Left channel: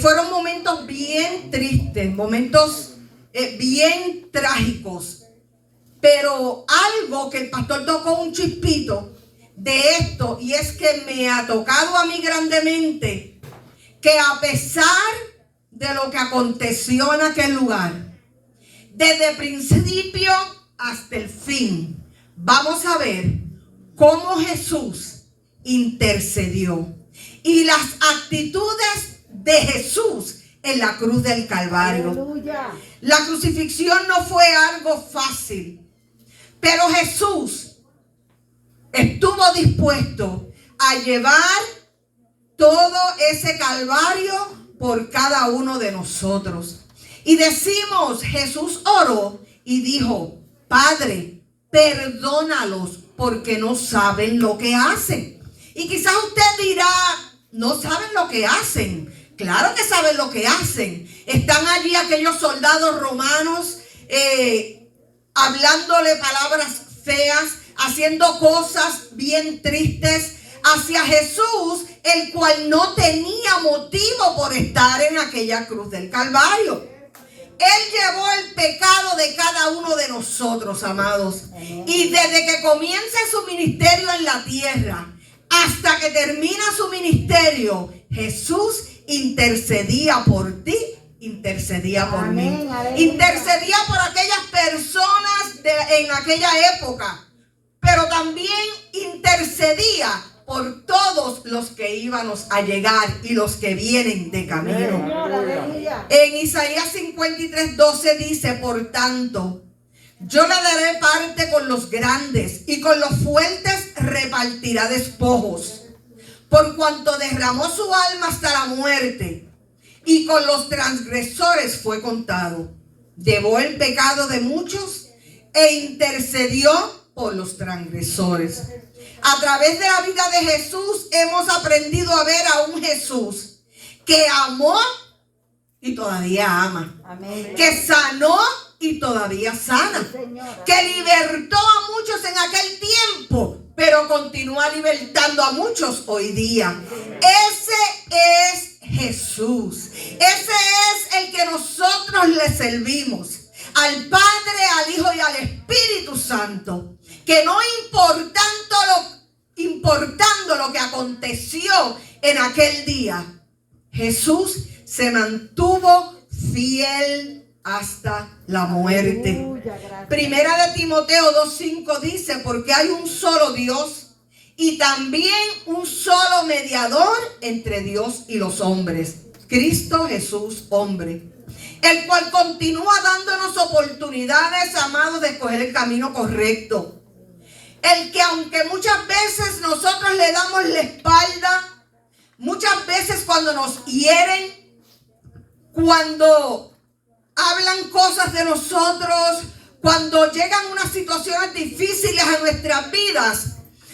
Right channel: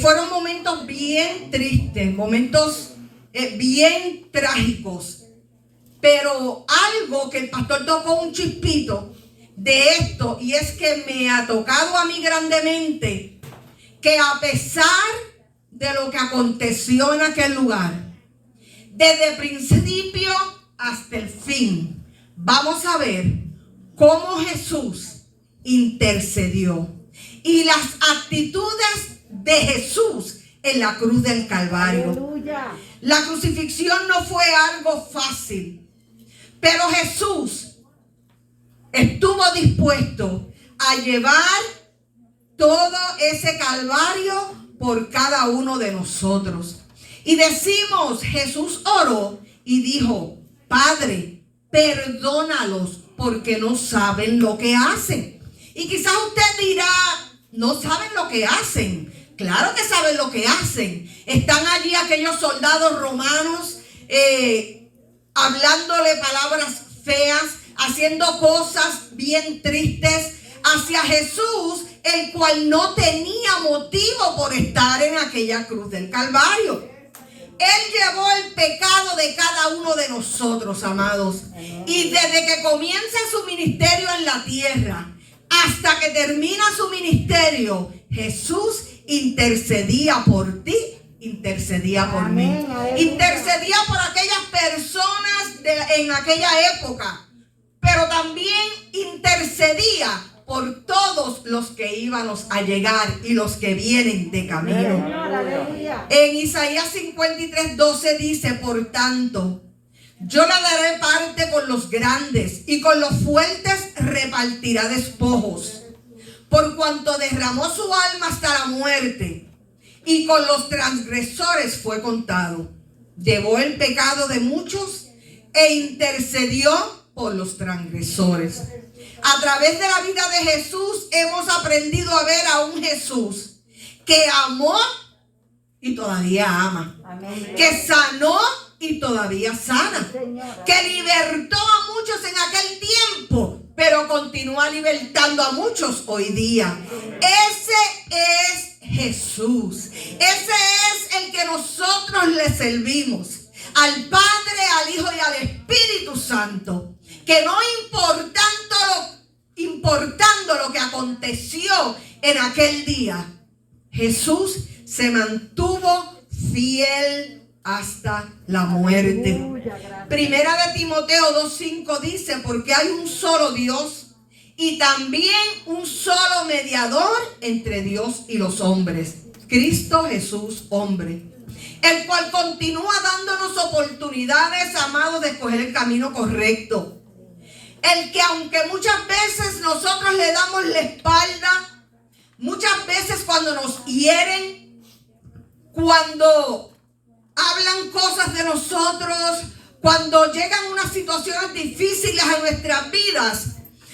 Fueron momentos bien tristes, momentos bien trágicos. Pero algo que el pastor tocó un chispito de esto, y es que me ha tocado a mí grandemente que a pesar de lo que aconteció en aquel lugar, desde el principio hasta el fin, vamos a ver cómo Jesús intercedió y las actitudes de Jesús en la cruz del Calvario. ¡Aleluya! La crucifixión no fue algo fácil, pero Jesús estuvo dispuesto a llevar todo ese calvario por cada uno de nosotros. Y decimos, Jesús oró y dijo: Padre, perdónalos porque no saben lo que hacen. Y quizás usted dirá, no saben lo que hacen. Claro que saben lo que hacen. Están allí aquellos soldados romanos hablándole palabras feas, haciendo cosas bien tristes hacia Jesús, el cual no tenía motivo por estar en aquella cruz del Calvario. Él llevó el pecado de cada uno de nosotros, amados. Y desde que comienza su ministerio en la tierra hasta que termina su ministerio, Jesús intercedía por ti, intercedía por mí, intercedía por aquellas personas en aquella época, pero también intercedía por todos los que íbamos a llegar y los que vienen de camino. En Isaías 53:12 dice: Por tanto, yo le daré parte con los grandes y con los fuertes repartirá despojos, por cuanto derramó su alma hasta la muerte y con los transgresores fue contado. Llevó el pecado de muchos e intercedió por los transgresores. A través de la vida de Jesús hemos aprendido a ver a un Jesús que amó y todavía ama. Amén. Que sanó y todavía sana. Que libertó a muchos en aquel tiempo, pero continúa libertando a muchos hoy día. Ese es Jesús. Ese es el que nosotros le servimos. Al Padre, al Hijo y al Espíritu Santo. Que no importando lo que aconteció en aquel día, Jesús se mantuvo fiel hasta la muerte. Primera de Timoteo 2:5 dice: Porque hay un solo Dios y también un solo mediador entre Dios y los hombres, Cristo Jesús, hombre, el cual continúa dándonos oportunidades, amados, de escoger el camino correcto. El que, aunque muchas veces nosotros le damos la espalda, muchas veces cuando nos hieren, cuando hablan cosas de nosotros, cuando llegan unas situaciones difíciles a nuestras vidas,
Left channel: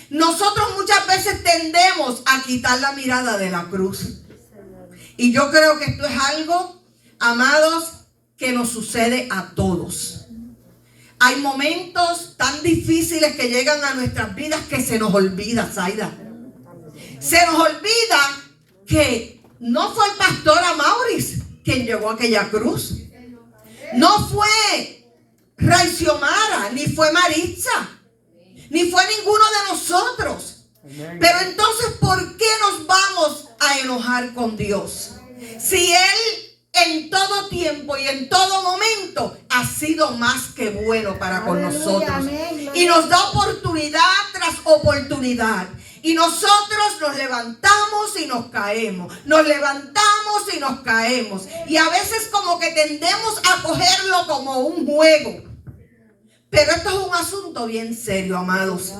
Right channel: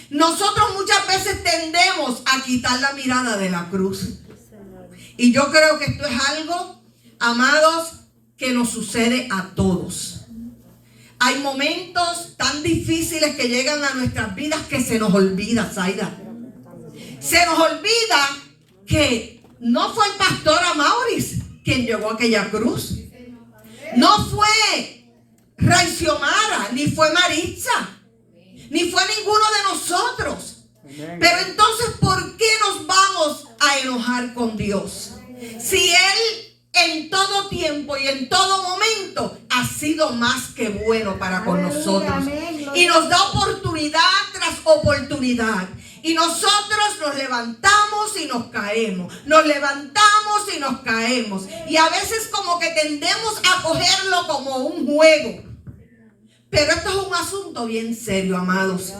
nosotros muchas veces tendemos a quitar la mirada de la cruz. Y yo creo que esto es algo, amados, que nos sucede a todos. Hay momentos tan difíciles que llegan a nuestras vidas que se nos olvida, Zaida. Se nos olvida que no fue el pastor Amauris quien llegó a aquella cruz. No fue Raixiomara, ni fue Maritza, ni fue ninguno de nosotros. Pero entonces, ¿por qué nos vamos a enojar con Dios? Si Él en todo tiempo y en todo momento ha sido más que bueno para con nosotros. Y nos da oportunidad tras oportunidad. Y nosotros nos levantamos y nos caemos. Nos levantamos y nos caemos. Y a veces como que tendemos a cogerlo como un juego. Pero esto es un asunto bien serio, amados.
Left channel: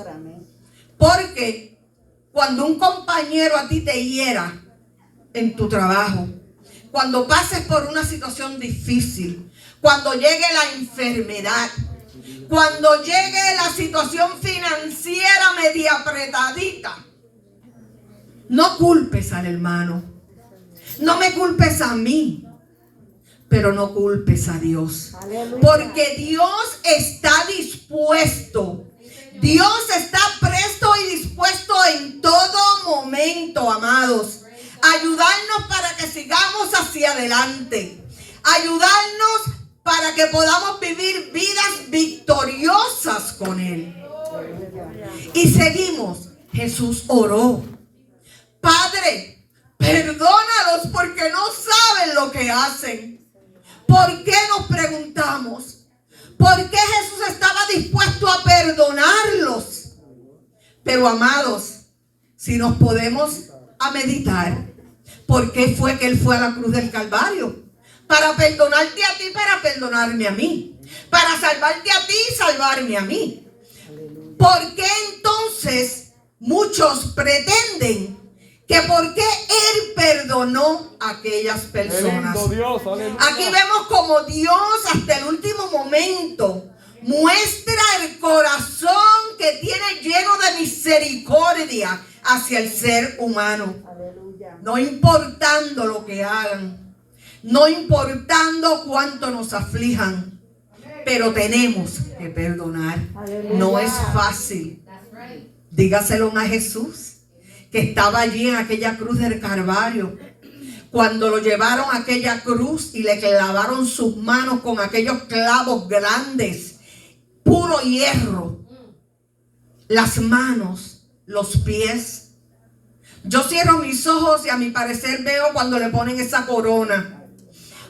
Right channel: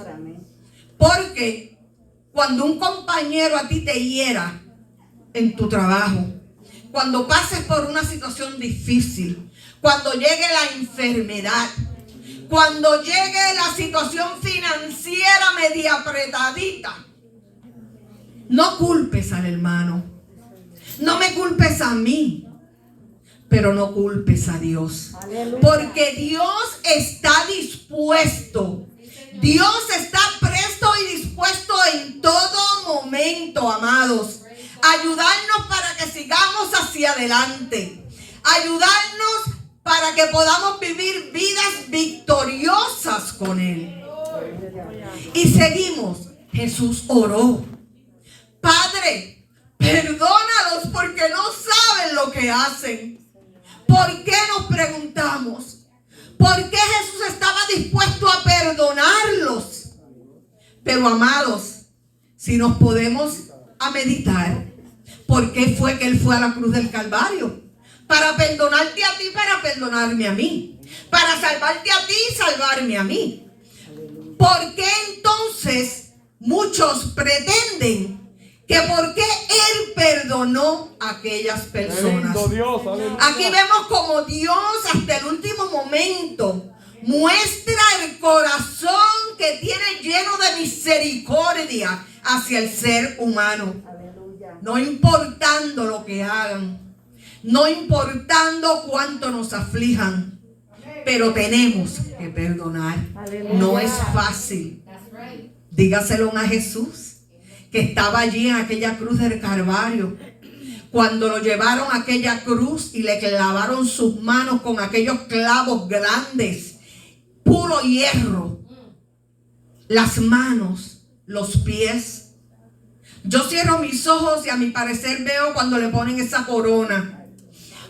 Porque cuando un compañero a ti te hiera en tu trabajo, cuando pases por una situación difícil, cuando llegue la enfermedad, cuando llegue la situación financiera media apretadita, no culpes al hermano, no me culpes a mí, pero no culpes a Dios. Porque Dios está dispuesto, Dios está presto y dispuesto en todo momento, amados, ayudarnos para que sigamos hacia adelante, ayudarnos para que podamos vivir vidas victoriosas con Él. Y seguimos. Jesús oró: Padre, perdónalos porque no saben lo que hacen. ¿Por qué nos preguntamos? ¿Por qué Jesús estaba dispuesto a perdonarlos? Pero amados, si nos podemos a meditar, ¿por qué fue que Él fue a la cruz del Calvario? Para perdonarte a ti, para perdonarme a mí. Para salvarte a ti y salvarme a mí. ¿Por qué entonces muchos pretenden que por qué Él perdonó a aquellas personas? Aquí vemos como Dios hasta el último momento muestra el corazón que tiene lleno de misericordia hacia el ser humano. No importando lo que hagan, no importando cuánto nos aflijan, pero tenemos que perdonar. No es fácil. Dígaselo a Jesús, que estaba allí en aquella cruz del Calvario. Cuando lo llevaron a aquella cruz y le clavaron sus manos con aquellos clavos grandes, puro hierro, las manos, los pies. Yo cierro mis ojos y a mi parecer veo cuando le ponen esa corona.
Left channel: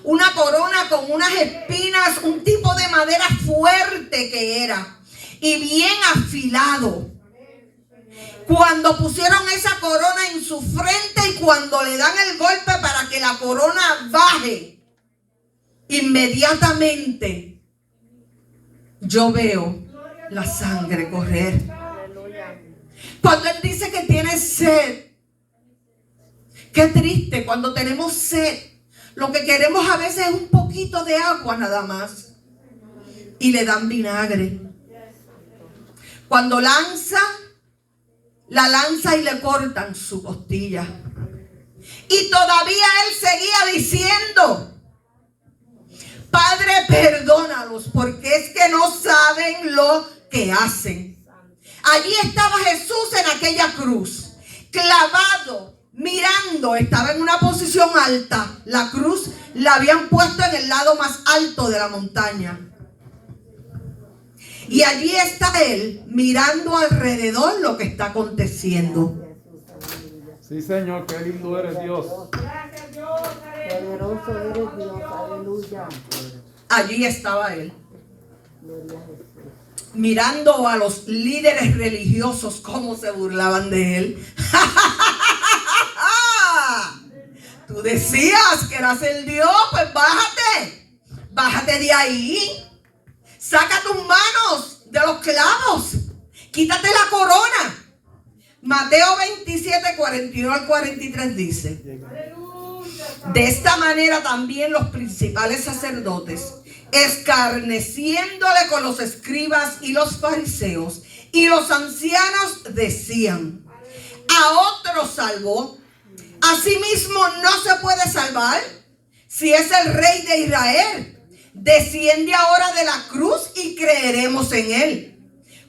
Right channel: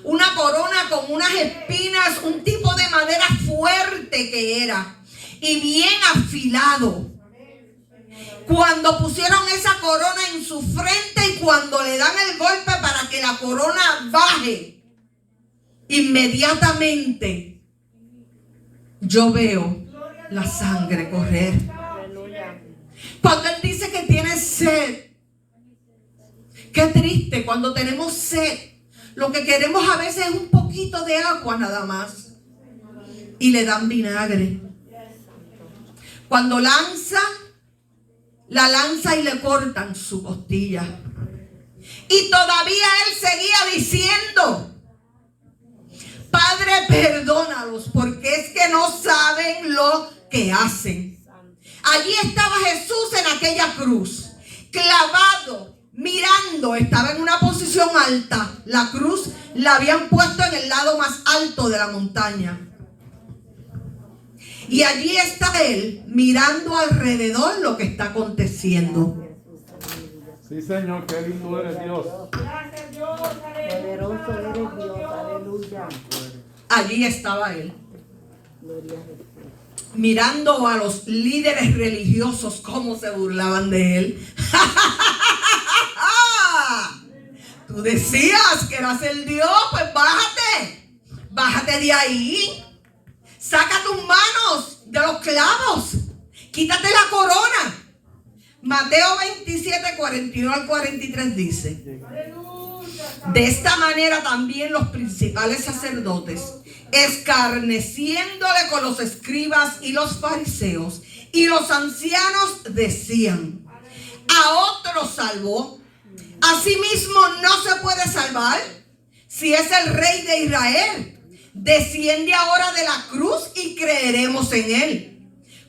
Una corona con unas espinas, un tipo de madera fuerte que era, y bien afilado. Cuando pusieron esa corona en su frente y cuando le dan el golpe para que la corona baje, inmediatamente yo veo la sangre correr. Cuando Él dice que tiene sed, qué triste cuando tenemos sed. Lo que queremos a veces es un poquito de agua nada más. Y le dan vinagre. Cuando la lanza y le cortan su costilla. Y todavía Él seguía diciendo: Padre, perdónalos porque es que no saben lo que hacen. Allí estaba Jesús en aquella cruz, clavado, mirando. Estaba en una posición alta. La cruz la habían puesto en el lado más alto de la montaña. Y allí está Él mirando alrededor lo que está aconteciendo. Sí, Señor, qué lindo eres, Dios. Gracias, Dios. Poderoso eres, Dios. Aleluya. Allí estaba Él, mirando a los líderes religiosos cómo se burlaban de Él. Tú decías que eras el Dios, pues bájate de ahí. Saca tus manos de los clavos. Quítate la corona. Mateo 27, 41 al 43 dice: de esta manera también los principales sacerdotes, escarneciéndole con los escribas y los fariseos y los ancianos, decían: a otro salvó, a sí mismo no se puede salvar. Si es el Rey de Israel, desciende ahora de la cruz y creeremos en Él.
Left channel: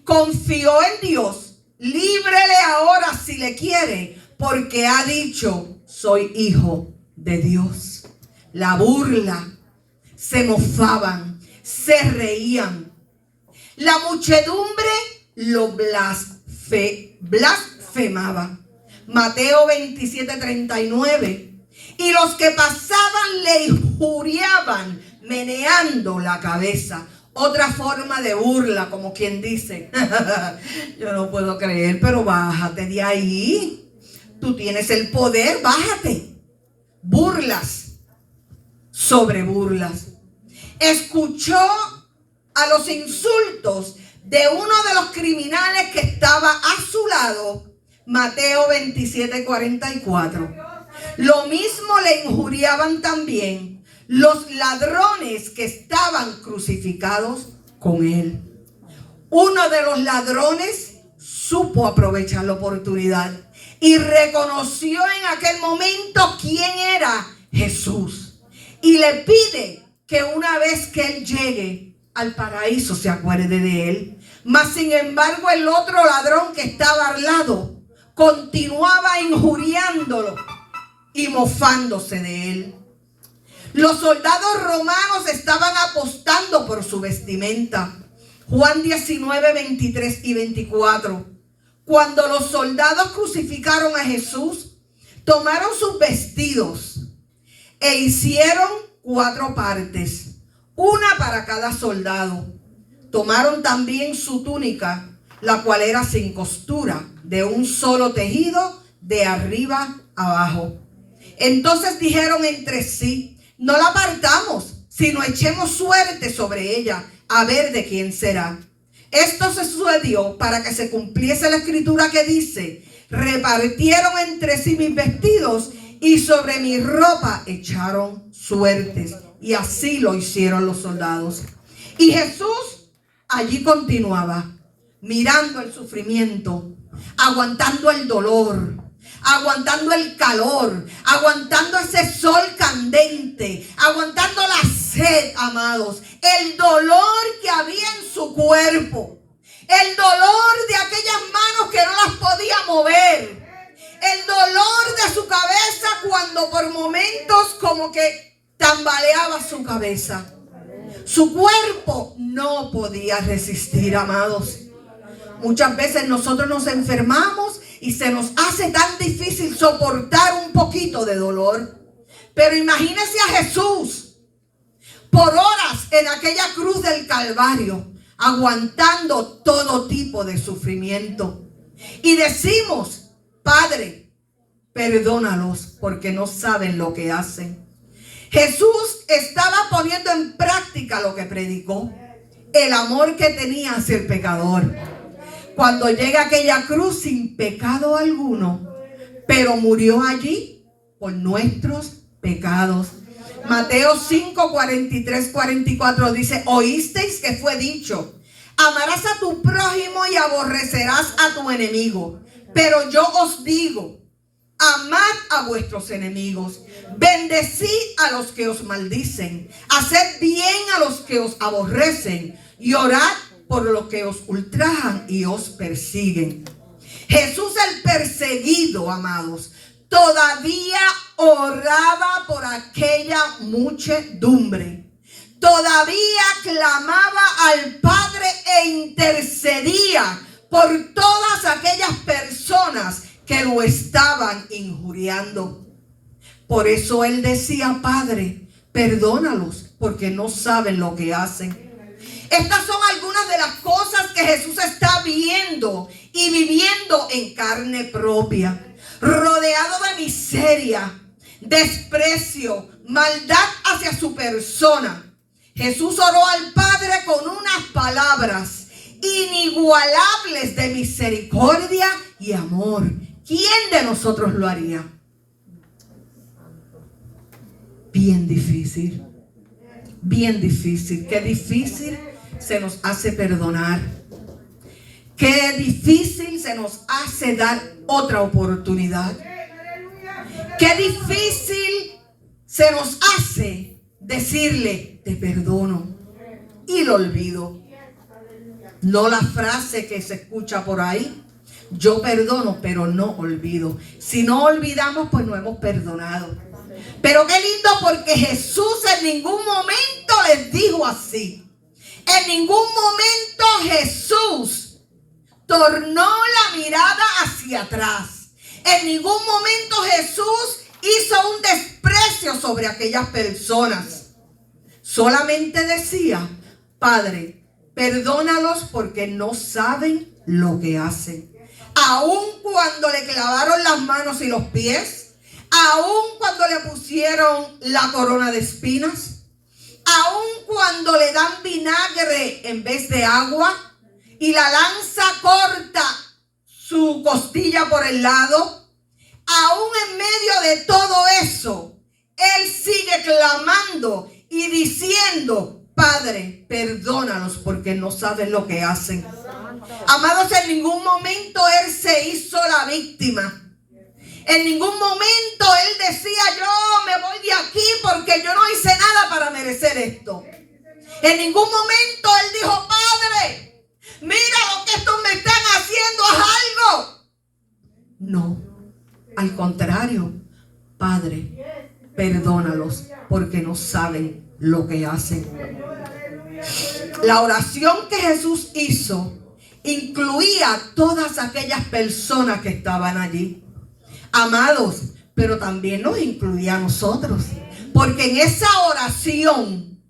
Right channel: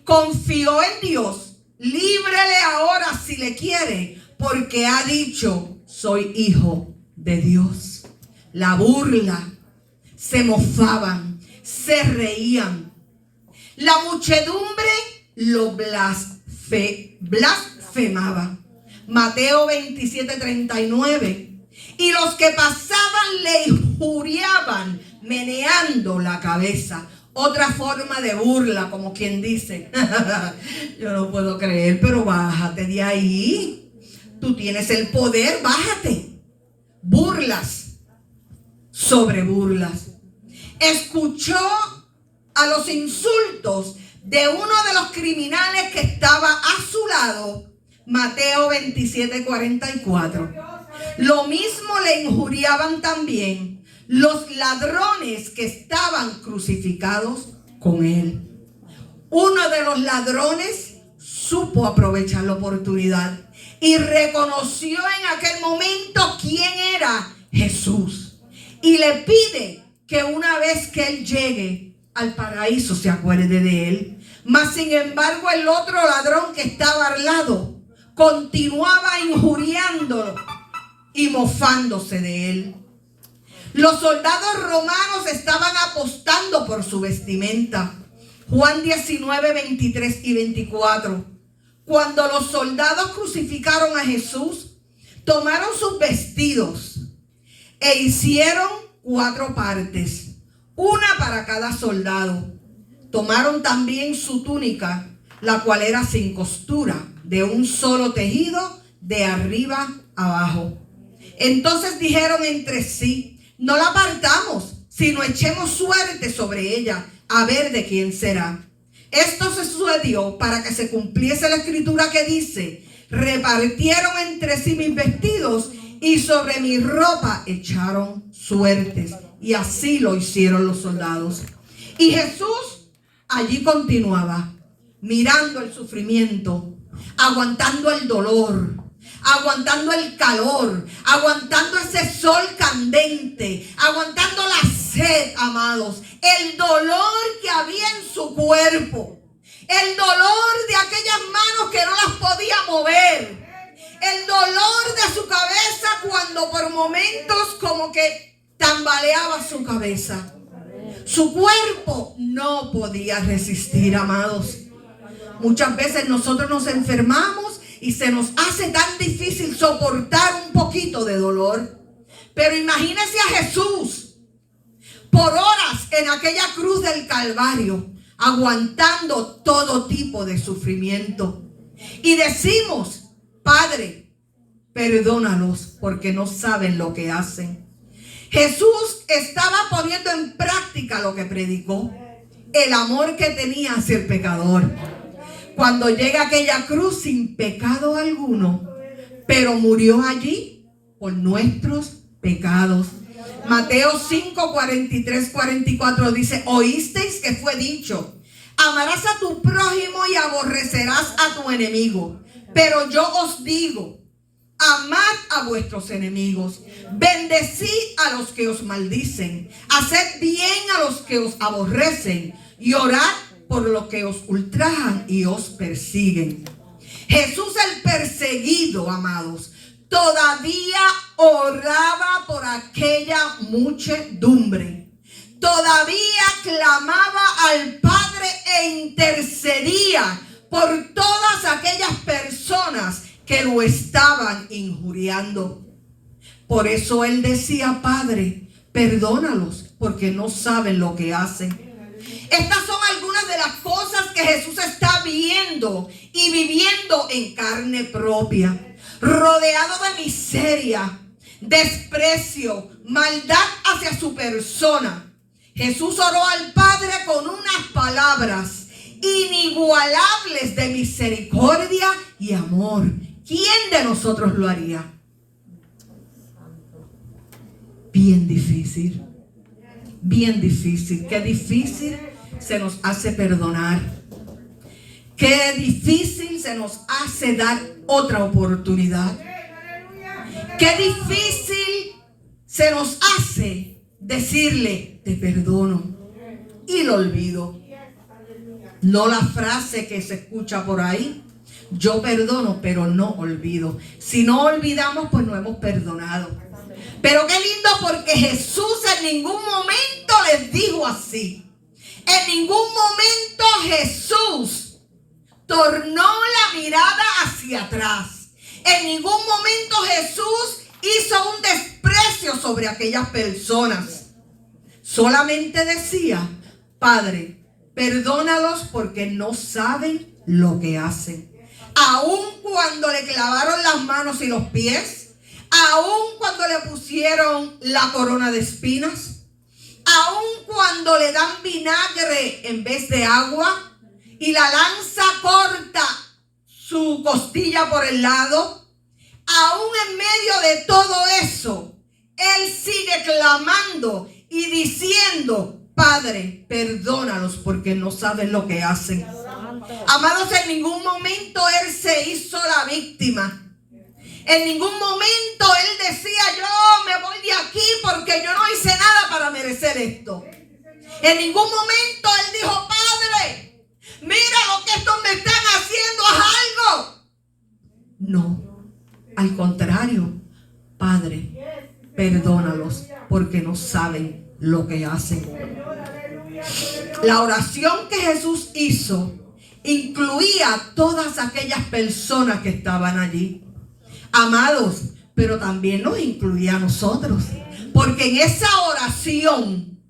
Confió en Dios, líbrele ahora si le quiere, porque ha dicho: soy hijo de Dios. La burla, se mofaban, se reían. La muchedumbre lo blasfemaba. Mateo 27, 39. Y los que pasaban le injuriaban, meneando la cabeza. Otra forma de burla, como quien dice: yo no puedo creer, pero bájate de ahí. Tú tienes el poder, bájate. Burlas sobre burlas. Escuchó a los insultos de uno de los criminales que estaba a su lado. Mateo 27, 44. Lo mismo le injuriaban también los ladrones que estaban crucificados con Él. Uno de los ladrones supo aprovechar la oportunidad y reconoció en aquel momento quién era Jesús. Y le pide que una vez que Él llegue al paraíso se acuerde de Él. Mas sin embargo el otro ladrón que estaba al lado continuaba injuriándolo y mofándose de Él. Los soldados romanos estaban apostando por su vestimenta. Juan 19, 23 y 24. Cuando los soldados crucificaron a Jesús, tomaron sus vestidos e hicieron 4 partes, una para cada soldado. Tomaron también su túnica, la cual era sin costura, de un solo tejido, de arriba abajo. Entonces dijeron entre sí: no la partamos, sino echemos suerte sobre ella, a ver de quién será. Esto se sucedió para que se cumpliese la escritura que dice: repartieron entre sí mis vestidos y sobre mi ropa echaron suertes. Y así lo hicieron los soldados. Y Jesús allí continuaba, mirando el sufrimiento, aguantando el dolor, aguantando el calor, aguantando ese sol candente, aguantando la sed, amados, el dolor que había en su cuerpo, el dolor de aquellas manos que no las podía mover, el dolor de su cabeza cuando por momentos como que tambaleaba su cabeza. Su cuerpo no podía resistir, amados. Muchas veces nosotros nos enfermamos y se nos hace tan difícil soportar un poquito de dolor. Pero imagínese a Jesús por horas en aquella cruz del Calvario, aguantando todo tipo de sufrimiento. Y decimos: Padre, perdónalos porque no saben lo que hacen. Jesús estaba poniendo en práctica lo que predicó, el amor que tenía hacia el pecador. Cuando llega a aquella cruz sin pecado alguno, pero murió allí por nuestros pecados. Mateo 5, 43, 44 dice: oísteis que fue dicho: amarás a tu prójimo y aborrecerás a tu enemigo. Pero yo os digo: amad a vuestros enemigos, bendecid a los que os maldicen, haced bien a los que os aborrecen y orad por los que os ultrajan y os persiguen. Jesús el perseguido, amados, todavía oraba por aquella muchedumbre. Todavía clamaba al Padre e intercedía por todas aquellas personas que lo estaban injuriando. Por eso él decía: Padre, perdónalos porque no saben lo que hacen. Estas son algunas de las cosas que Jesús está viendo y viviendo en carne propia. Rodeado de miseria, desprecio, maldad hacia su persona. Jesús oró al Padre con unas palabras inigualables de misericordia y amor. ¿Quién de nosotros lo haría? Bien difícil. Bien difícil. Qué difícil se nos hace perdonar. Qué difícil se nos hace dar otra oportunidad. Qué difícil se nos hace decirle: te perdono y lo olvido. No la frase que se escucha por ahí: yo perdono pero no olvido. Si no olvidamos, pues no hemos perdonado. Pero qué lindo, porque Jesús en ningún momento les dijo así. En ningún momento Jesús tornó la mirada hacia atrás. En ningún momento Jesús hizo un desprecio sobre aquellas personas. Solamente decía: Padre, perdónalos porque no saben lo que hacen. Aun cuando le clavaron las manos y los pies, aun cuando le pusieron la corona de espinas, aun cuando le dan vinagre en vez de agua y la lanza corta su costilla por el lado, aún en medio de todo eso, él sigue clamando y diciendo: Padre, perdónalos porque no saben lo que hacen. Amados, en ningún momento él se hizo la víctima. En ningún momento él decía: yo me voy de aquí porque yo no hice nada para merecer esto. En ningún momento él dijo: Padre, mira lo que estos me están haciendo, haz algo. No, al contrario: Padre, perdónalos porque no saben lo que hacen. La oración que Jesús hizo incluía a todas aquellas personas que estaban allí. Amados, pero también nos incluía a nosotros. Porque en esa oración,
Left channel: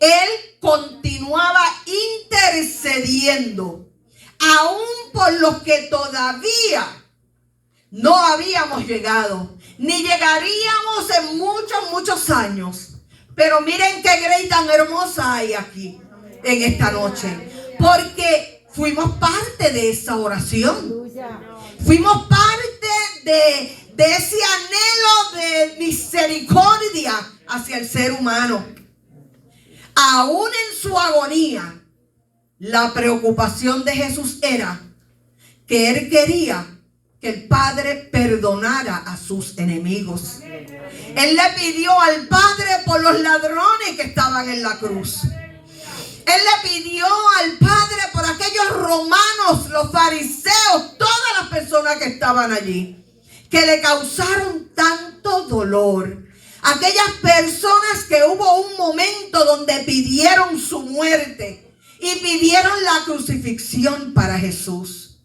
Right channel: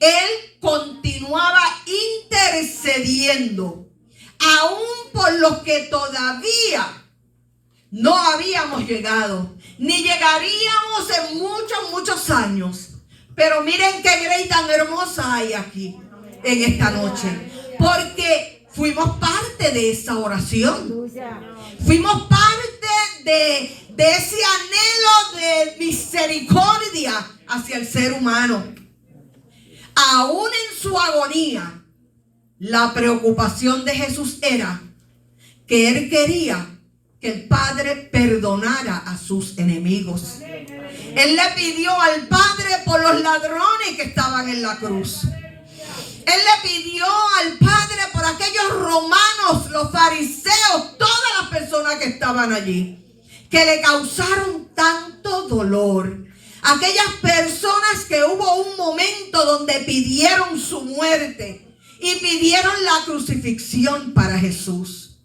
Él continuaba intercediendo, aún por los que todavía no habíamos llegado, ni llegaríamos en muchos años. Pero miren qué grey tan hermosa hay aquí en esta noche, porque fuimos parte de esa oración. Fuimos parte de ese anhelo de misericordia hacia el ser humano. Aún en su agonía, la preocupación de Jesús era que Él quería que el Padre perdonara a sus enemigos. Él le pidió al Padre por los ladrones que estaban en la cruz. Él le pidió al Padre por aquellos romanos, los fariseos, todas las personas que estaban allí, que le causaron tanto dolor. Aquellas personas que hubo un momento donde pidieron su muerte y pidieron la crucifixión para Jesús.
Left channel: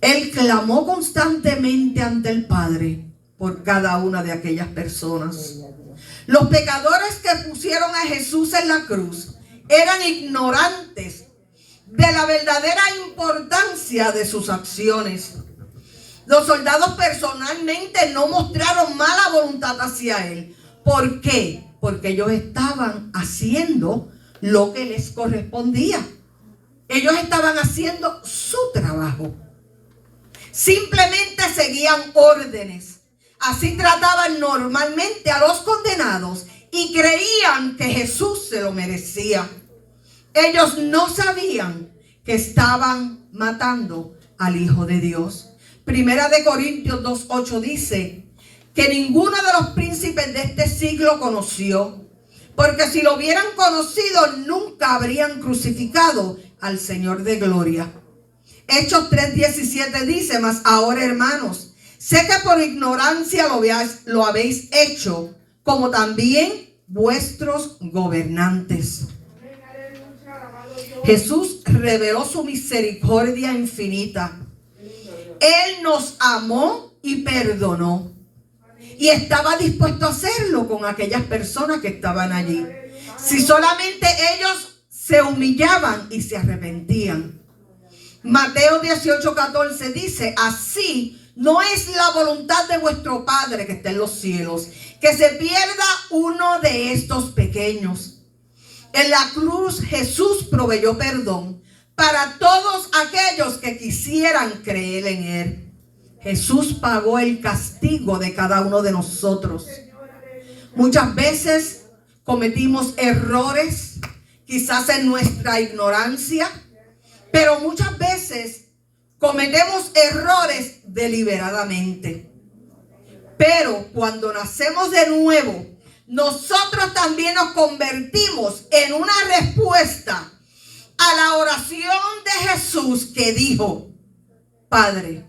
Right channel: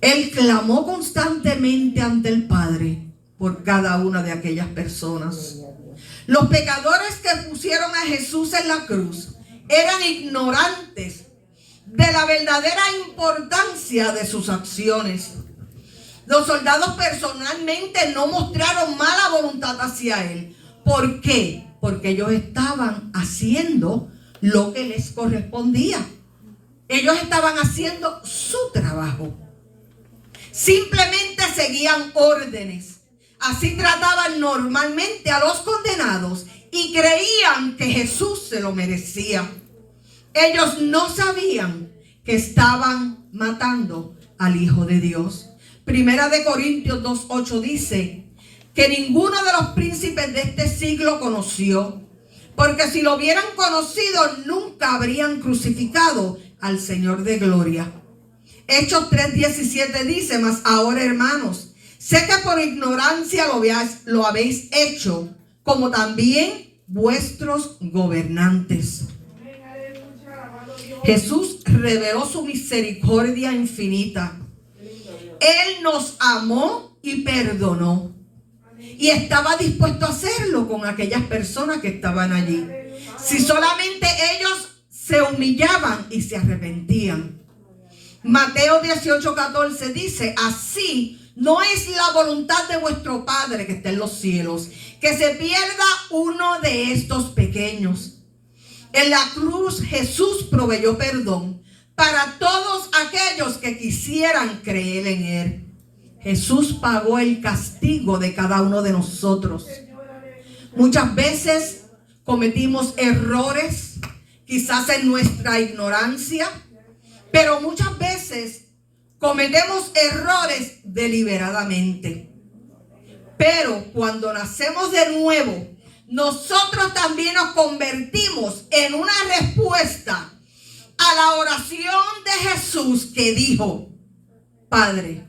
Él clamó constantemente ante el Padre por cada una de aquellas personas. Los pecadores que pusieron a Jesús en la cruz eran ignorantes de la verdadera importancia de sus acciones. Los soldados personalmente no mostraron mala voluntad hacia Él. ¿Por qué? Porque ellos estaban haciendo lo que les correspondía. Ellos estaban haciendo su trabajo. Simplemente seguían órdenes. Así trataban normalmente a los condenados y creían que Jesús se lo merecía. Ellos no sabían que estaban matando al Hijo de Dios. Primera de Corintios 2:8 dice que ninguno de los príncipes de este siglo conoció, porque si lo hubieran conocido nunca habrían crucificado al Señor de gloria. Hechos 3:17 dice: mas ahora, hermanos, sé que por ignorancia lo habéis hecho, como también vuestros gobernantes. Jesús reveló su misericordia infinita. Él nos amó y perdonó. Y estaba dispuesto a hacerlo con aquellas personas que estaban allí. Si solamente ellos se humillaban y se arrepentían. Mateo 18:14 dice: así no es la voluntad de vuestro Padre que está en los cielos, que se pierda uno de estos pequeños. En la cruz Jesús proveyó perdón para todos aquellos que quisieran creer en Él. Jesús pagó el castigo de cada uno de nosotros. Muchas veces cometimos errores, quizás en nuestra ignorancia, pero muchas veces cometemos errores deliberadamente. Pero cuando nacemos de nuevo, nosotros también nos convertimos en una respuesta a la oración de Jesús, que dijo: Padre,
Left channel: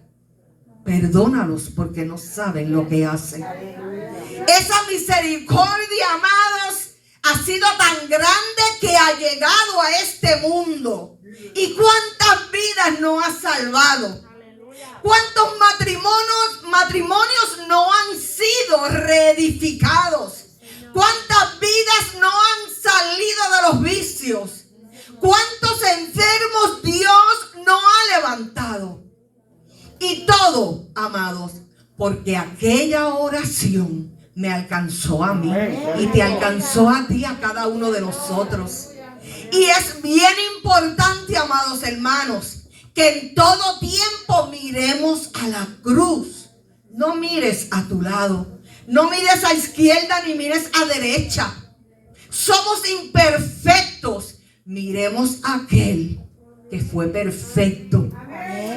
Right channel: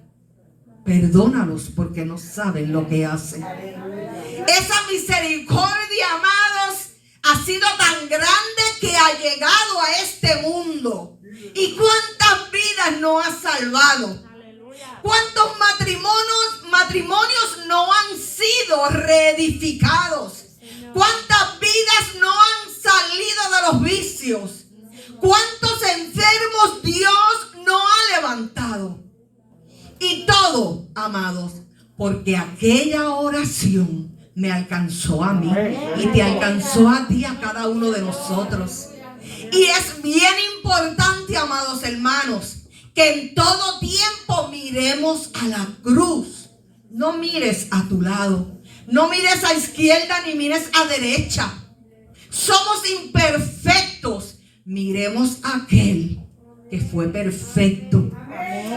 perdónalos porque no saben lo que hacen. Esa misericordia, amados, ha sido tan grande que ha llegado a este mundo. ¿Y cuántas vidas no ha salvado? ¿Cuántos matrimonios no han sido reedificados? ¿Cuántas vidas no han salido de los vicios? ¿Cuántos enfermos Dios no ha levantado? Y todo, amados, porque aquella oración me alcanzó a mí y te alcanzó a ti, a cada uno de nosotros. Y es bien importante, amados hermanos, que en todo tiempo miremos a la cruz. No mires a tu lado, no mires a izquierda ni mires a derecha. Somos imperfectos. Miremos a aquel que fue perfecto.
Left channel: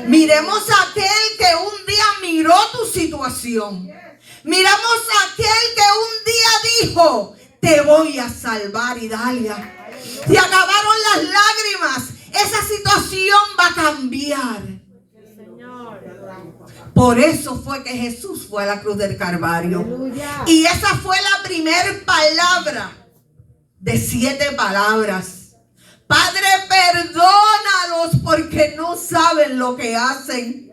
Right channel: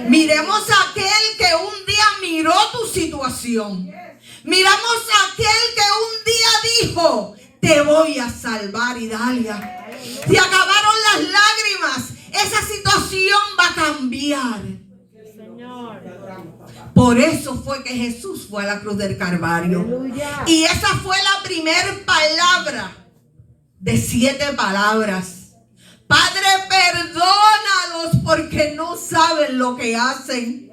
Miremos a aquel que un día miró tu situación. Miramos a aquel que un día dijo: te voy a salvar, Idalia. Te acabaron las lágrimas. Esa situación va a cambiar. Por eso fue que Jesús fue a la cruz del Calvario. Aleluya. Y esa fue la primera palabra de 7 palabras. Padre, perdónalos porque no saben lo que hacen.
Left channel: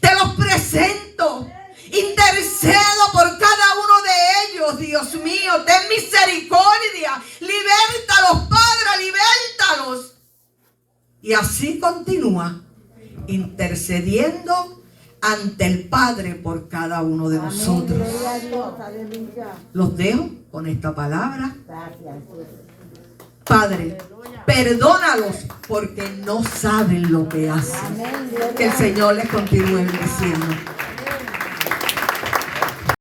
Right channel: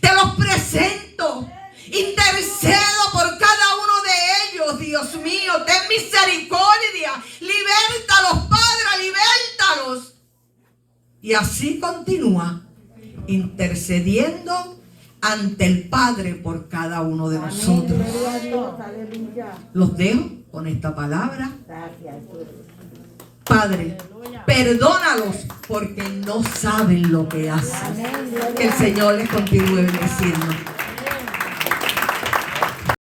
Te los presento. Intercedo por cada uno de ellos, Dios mío. Ten misericordia. Libértalos, Padre, libértalos. Y así continúa intercediendo ante el Padre por cada uno de nosotros. Gloria a Dios. Aleluya. Los dejo con esta palabra. Gracias. Padre, perdónalos porque no saben lo que hacen. Amén. Gloria Que el Señor les continúe bendiciendo.